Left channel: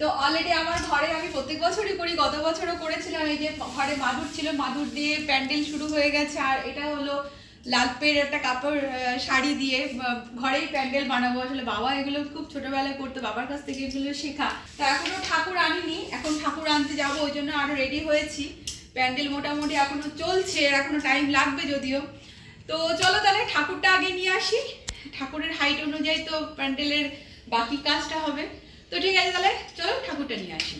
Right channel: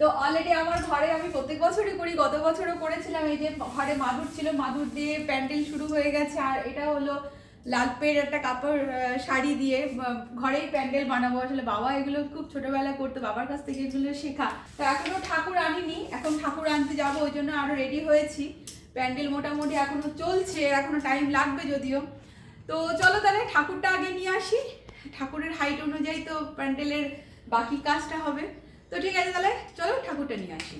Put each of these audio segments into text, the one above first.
তো অলরেডি আমার ঘরে আমি প্রত্যেক বছরই করি, গত বছরও করেছিলাম, এই যে ঘরে মাদুর ছিল, মাদুর দিয়ে প্যান্ডেল শুরু হয়ে গেছে, আর এটা হলো লালপের একটা কাপড় শাড়ি দিয়ে ঘরেই প্যান্ডেল বানাবো। আসলে বাবা এগুলো খুব ছোটবেলায় করতো, বাবার কাছ থেকে এগুলো শেখা। তো এখনও ঠাকুর আনিনি, এখন ঠাকুর আনতে যাব, ওই জন্য আরও রেডি হয়েছি। প্যান্ডেল মোটামুটি এখনও চলছে এখনও টাইম লাগবে যদিও। তো চলো তাহলে ঠাকুরটা আগে নিয়ে আসি। ঠাকুরের হাইট অনুযায়ী তো প্যান্ডেলের বাকি কাজটা হবে। তো ঠিক আছে তাহলে চলো ঠাকুরটা নিয়ে আসি।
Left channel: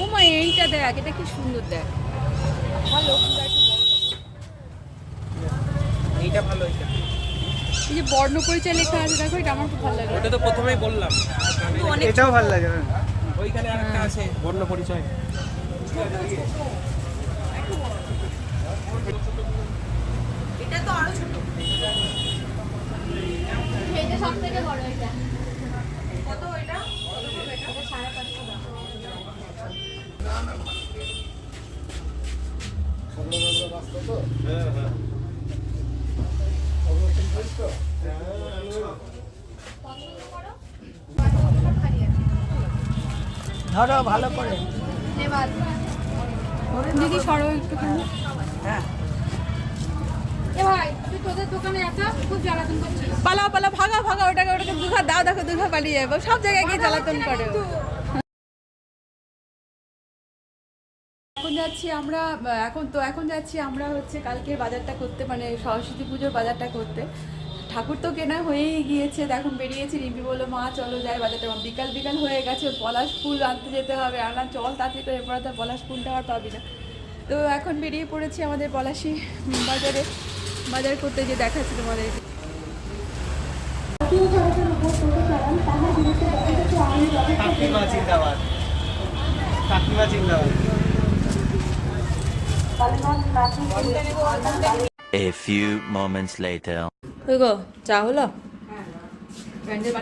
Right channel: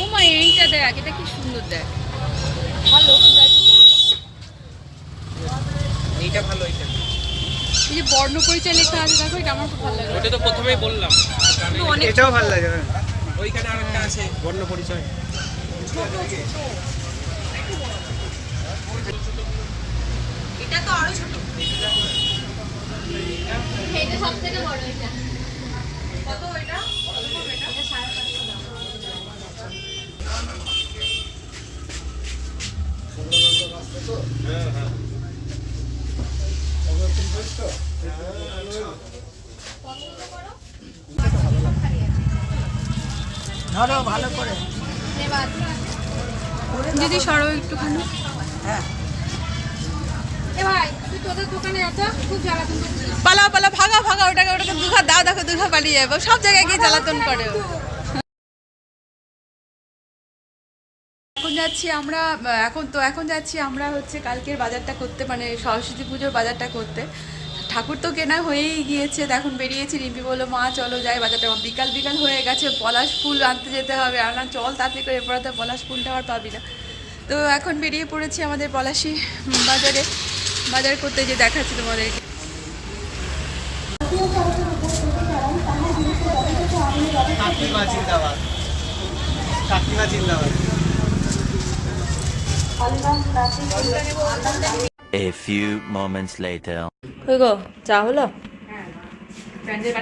ও মা এইটা দেখ এটা কি সুন্দর দেখ। ভালো এইটা ভালো এইটা। এই যে বর্ণ পরিচয় লেখা আছে দেখো এটা আমার খুব ভালো লাগল ওটা তো প্রথমেই বললাম। এটাও ভালো লাগে ওইখানে আরেকটা আছে। বর্ণ পরিচয়। এটা তো আরও ছোট। এটা সব থেকে বড় এটা। কত এটা? এটা সাড়ে পাঁচশো টাকা। ধরো ভালো করে। ধন্যবাদ দিদি সরো একটুখানি। পালা পালা ভাগা ভাগা ওটাকে ওটাকে দুঘা দাও দেখো দুঘা পালিয়ে যাব। সব জায়গায় গিয়ে জ্বালাতন করে। এখন যাচ্ছি আমরা এখন তো এখন যাচ্ছি আমরা হচ্ছে কালকের বাজারটা করতে মানে সরস্বতী পুজোর বাজারটা করতে। ঠাকুর তো কেনা হয়েই গিয়েছে। এখন বেরিয়েছি রিম্পি বলল, মা, চলো যাই বাজারটা। বিকাল বিকাল হয়ে গেছে, পলাশ ফুল আনতে যেতে হবে। আর না চল তাড়াতাড়ি করে, এরপরে তো পলাশ ফুলটা আর পাবি না। তো এখন বেরিয়ে পড়েছি আমাদের পলাশি বাজারে। বাজার করতে যে দেখাচ্ছি তোমাদেরকে। A few moments later. গো চা হলো? প্যান্ডেল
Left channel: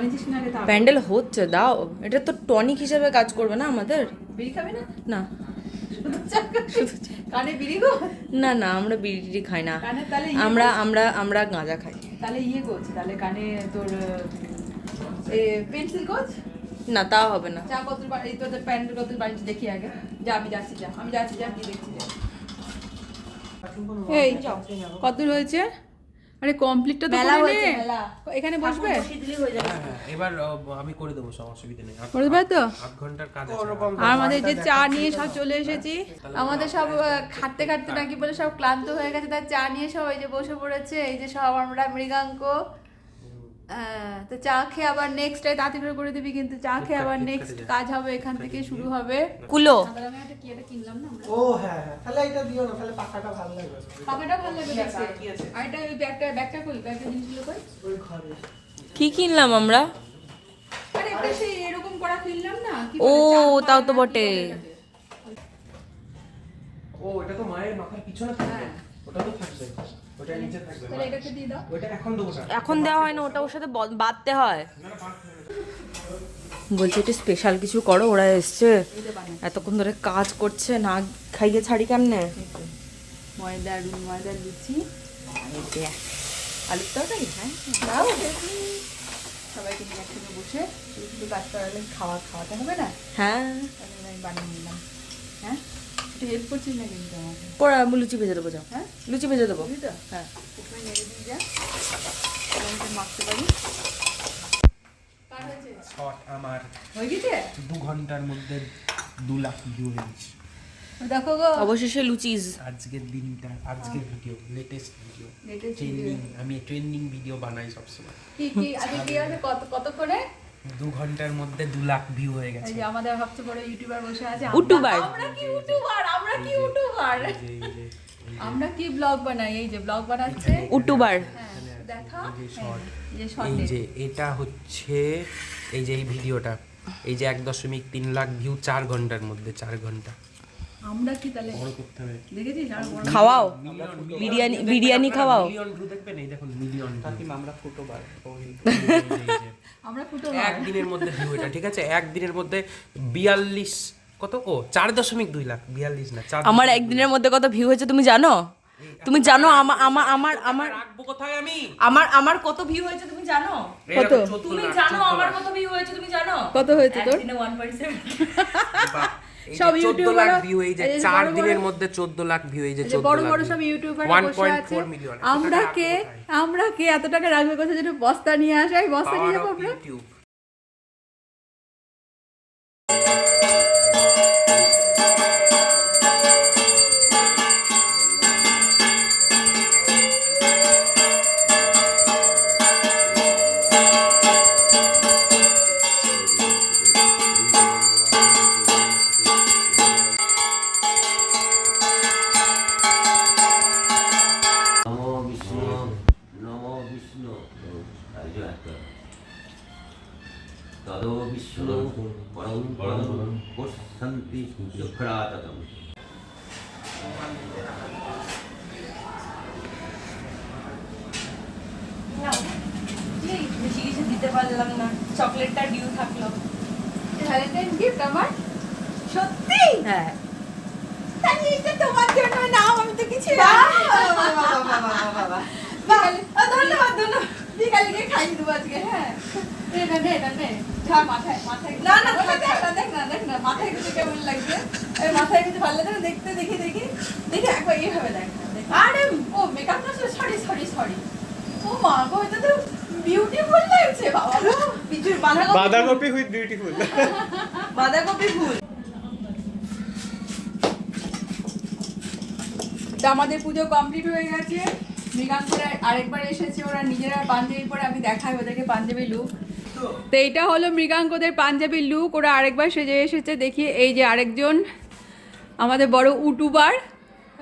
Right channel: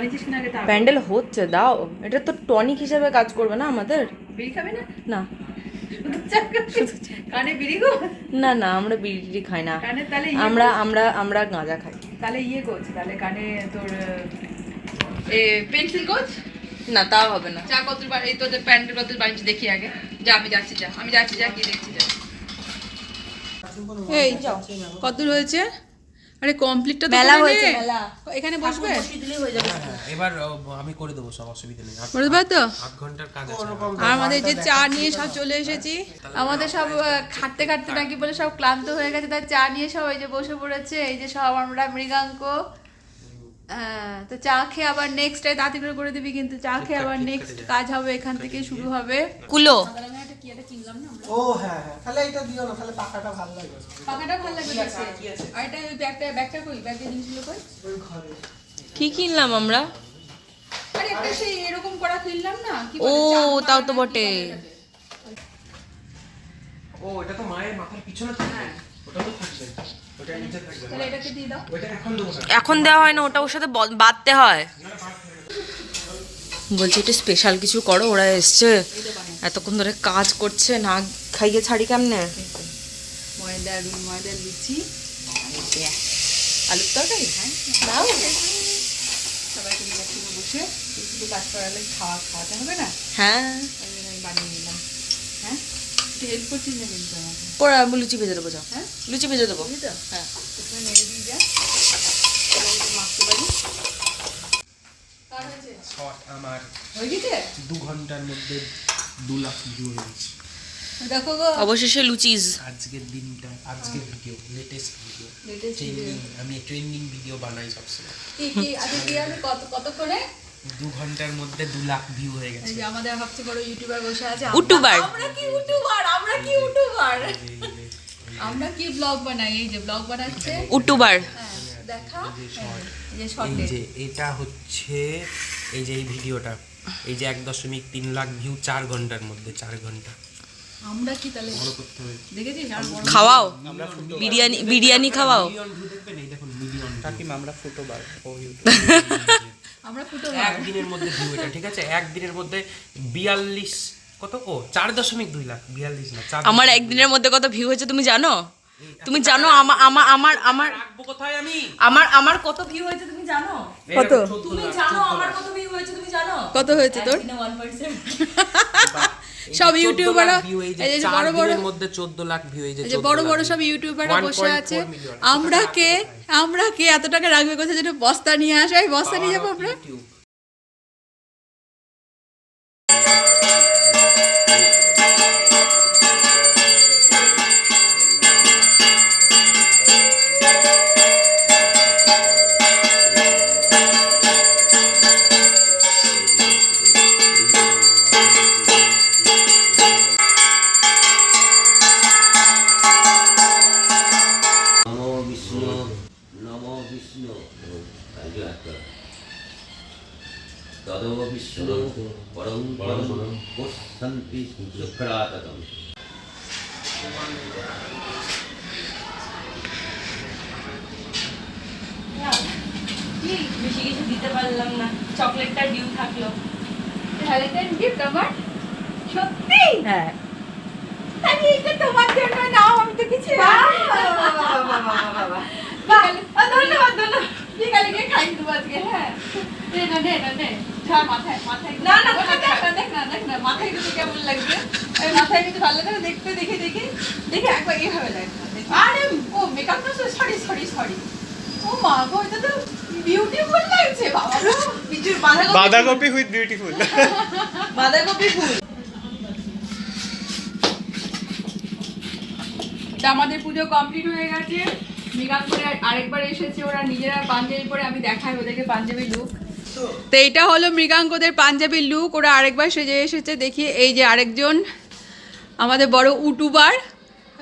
তা? প্যান্ডেল হচ্ছে দাও। এটা তো টনিক হিসেবে কাজ করবে না আমাদের? বিড়ি খাবে না? না। কানে বিড়ি গো? না না আমরা বিড়ি খাই না। ইয়ে আমরা আমরা আমরা গাঁজা খাই। তাহলে ইয়ে তাহলে কানে তোর এ পেন্সিল কোচ? না তাও হবে না। যা কত এই তোদের প্যান্ডেল কত বানিয়েছি দেখি আগে। যা আমি যাচ্ছি যা আমি যাচ্ছি যা কি দেখছি যা। এই কত হয়েছে আরে কমপ্লিটটা তো মেলা করে হয়েছে, নে। এখানে বসবে? এবার আমি করে দেবো সব অসুবিধা নেই। করে দেবো তো? আধ ঘণ্টার কাজ আছে। আমাদের যে চা নিয়ে সব চলে এসেছি। আমাদের সব খাটতে খাটতে নাকি বলে সব ক্লান্ত হয়ে গেছে। তাই চা নিয়ে সব এই যে বসে পড়েছে এই যে সব আমরা মৃগাঙ্ক তো চা খেয়ে আবার নেক্সট তাড়াতাড়ি করে করে দিবি কিন্তু চা খেয়ে আবার নেক্সট কাজ হবে এখান থেকে শুরু হবে। কুলো। কি একটা কিনলাম ও হ্যাঁ হ্যাঁ তাহলে এটা দিও না তাহলে পাখাটা ভালো লাগবে। পাখাটা ভালো লাগবে আর এটা ওই ব্যাগটা ব্যাগটা কই? ব্যাগের জিনিসগুলো কই? ঘরে। কি কিনলাম আমরা? আরে একটা সেই এরকম করা কিনলাম না কি ও, তাও তো বটে। ও এটা তো মায়ের মাথার পিছনে থাকবে। ওটা তো থাকবে। ওটা নিচে থাকবে তাহলে এটাকে দিয়ে দাও। ওইটা এখন দেবো না এখন দেওয়া হয় না ওটা ওর সাথে বাঁধতে হয়। বলছি একটু স্পেশাল কিছু করো ওরা এসছে। এতক্ষণ ধরে কাজ করছে না খাইয়ে ছাড়ি কেমনে? ময়দা ময়দা লুচি। আলুর তরকারি? হ্যাঁ। বসে খাওয়া খাওয়াতে হবে না? হ্যাঁ। বানিয়ে নিলাম। হ্যাঁ একটু হেল্প করছিস না কিন্তু আমাকে পড়া লুচি ভেজে দেবো যাও। হ্যাঁ? লুচি ভেজে দেবো। হ্যাঁ। নেড়ে দিয়ে যা। মাখতে পারি। কার হয়েছে শখ আমার হয়ে গেছে? দু ঘণ্টার মধ্যে দু লাখ ভিউ হয়েছে দেখো গো। অবশেষে লুচিস। আজকের দিনটা আজকের ভিডিও লেটেস্ট ভিডিও ট্রেন্ডিং আমি ট্রেন্ডিং ভিডিও বানাই সবসময়। কি কি আজকে কত কত করে দু ঘণ্টার মধ্যে দু লাখ ভিউ হয়ে এই গেছে যে আমাদের সবচেয়ে বড় ইউটিউবার বসে আছে। ইউটিউবার। আমরা কি ইউটিউবার আমরা কি ইউটিউবার আমরা কি ব্লগ বানাই? এই যে ব্লগ বানাচ্ছে। উটুবার। হ্যাঁ, দেখা। এই যে এই শর্টে যে এটা হচ্ছে এই যে এই ভিডিওটা এই যে এক দশমিক তিন লাখ ভিউ চার ঘণ্টার মধ্যে চার ঘণ্টা। আমরা কি তাহলে বড় করতে হবে। দেখেছিস? খাওয়াও। বিরিয়ানি বিরিয়ানি খাওয়াও। মিলিয়ন ভিউ দেখবেন এই দেখুন মিলিয়ন কাকিমা আমরা ফুটো বার ও আমরা ফুটো একদিনের মধ্যে ভিউ এটা ঠিক আছে? একদিনের মধ্যে বিয়াল্লিশ কত? ও চার দশমিক দুই লাখ। বিয়াল্লিশ না আমার একদিনের মধ্যে কত ভিউ হয়েছে তুমি জানো? তুমি জানো আমার আমার আমার আমার কোথায় আমি? আমার আমার কত ভিউ হয়েছে তুমি জানো? কত? তুমি জানো আমার কত ভিউ হয়েছে তুমি জানো? কত হয়েছে তোর? 1.7 সব ইউটিউবাররা ভিউ এই যে বড় বড়- মধ্যে 14 লাখ ভিউ এই যে যে বড় বড় সব ইউটিউবাররা বসে আছে। আমরা কে? আমরা কে? এত টাকা রাখবে কোথায়? যেটা বস্তা নিয়ে আসে এই বস্তা নিয়ে যাব আমরা? তদো বিষ্ণু পরম পরম পশ্যন্তি শুক্রাততম বেশি কিছু দিতে পারলাম না। চকলেটটা ডিউ থাকল ভ্যালেন্টাইন গিফট আমার সত্যি হ্যাঁ আমি এটা তোমার জন্য না আমি তো কিছু ধন্যবাদ ধন্যবাদ। বিকালে গিয়ে খাই দেবো আজকে হ্যাঁ। নে নে না নে। মাথায় মাথায় না, না, দেখ না দেখ না দেখ না মাথায় কিন্তু কেমন লাগবে মাথায় কিন্তু ভালো লাগে দেখতে দেখি দেখি। দেখি একবার এইভাবে দেখ আরে ও মেকআপ তো সরি সরি সরি ও মা গো এটা তো বিউটিফুল লাগছে বাবা কিছু বাঁধাকপি বাঁধাকপি উইথ বিউটিফুল বাঁধাকপি ফুল। আমাদের পুজো কমপ্লিট হয়ে গেছে। মৃগাঙ্কুরে আরেকবার এসেছে, ওরা নিজেরা পাঞ্জাবি পরে আমি দেখাই ওদেরকে পাঞ্জাবি লুক তো এইটা হলো মৃগাঙ্কদের পাঞ্জাবি লুক ওরা আরেকবার সেজে এসেছে, দেখি এই যে আরেকজন, আমাদের বড় ইউটিউবার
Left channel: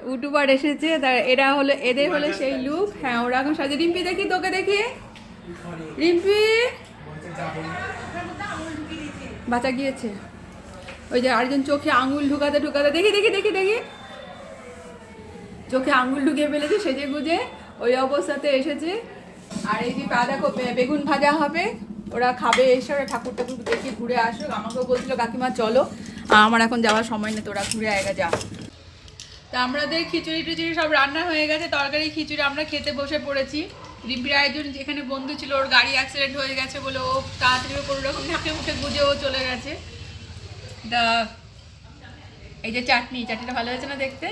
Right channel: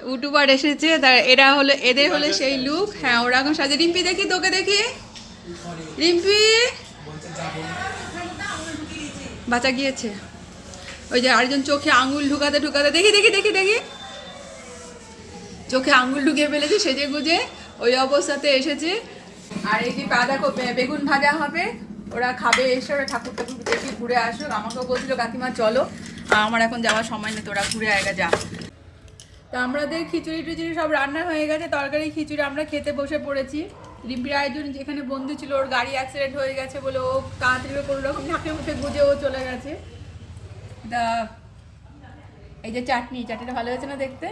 ইউটিউবার এসেছে, তার এরা হলো, এদের হলো সেই লুক হ্যাঁ ওরা এখন সাজে। রিম্পি, দেখি তোকে দেখি। রিম্পি! বাঁচা গিয়েছে। ওই যে আরেকজন চোখে আঙুল ঢুকাতে ঢুকাতে, দেখি দেখি দেখি দেখি। চোখে আঙুল ঢুকিয়ে ফেলেছে, সেজে গুজে। ওই অবস্থাতে এসেছে। আর এই যে বাঁধাকপি বেগুন ভাজা হবে, ওরা খাবে এসে, ওরা ঠাকুর ঠাকুর দেখে ঘুরে আসুক। আমাকেও বলছিল, কাকিমা, চলো। আমার এখন যাওয়ার সময় নেই, তোরা ঘুরে আয়গা যা। তা আমাদের খিচুড়ি টিচুড়ি সব রান্না হয়ে গেছে, তরকারি, খিচুড়ি আমরা খেতে বসে পড়েছি। রিম্পির আয়োজন যেখানে বন্ধু ছিল, ওর গাড়ি অ্যাক্সিডেন্ট হয়ে গেছে বলে ও তাড়াতাড়ি কোনো রকম ঢাকে মুখে গুজে ও চলে গেছে। তা, এই যে চাটনি, চাটনিটা ভালো হয়েছে না দেখতে?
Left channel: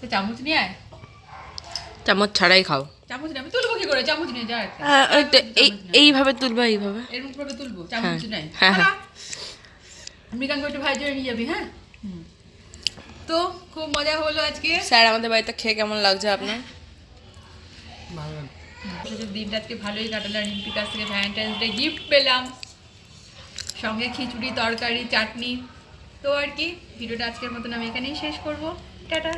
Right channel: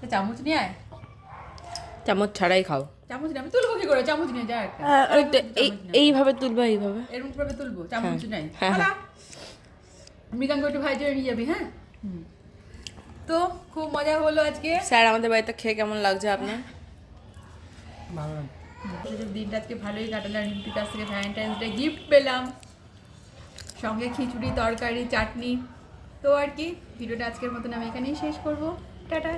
তো চামচ নিয়ে আয়। চামচ ছাড়াই খাও। চামচ নিয়ে আমি তুলবো কি করে? চামচ নিয়ে যা হ্যাঁ, এই এইভাবে তুলবে এইভাবে। এরকম তুলবো চামচ নাই। হ্যাঁ, হ্যাঁ। মৃগাঙ্গ একটু ভাই নিয়ে যাবি হ্যাঁ? তো খুব মজা হলো আজকে। স্যার আমাদের বাড়িতে খেয়ে কেমন লাগছে আপনার? দিনটা আজকে ভালোই কাটালাম। রিম্পির কাছ থেকে ভ্যালেন্টাইন্স ডে গিফট পেলাম। সঙ্গে খিচুড়ি তরকারি চাটনি। তো আর কি ভিডিওটা আজকের মতন আমি এখানেই শেষ করব। টাটা।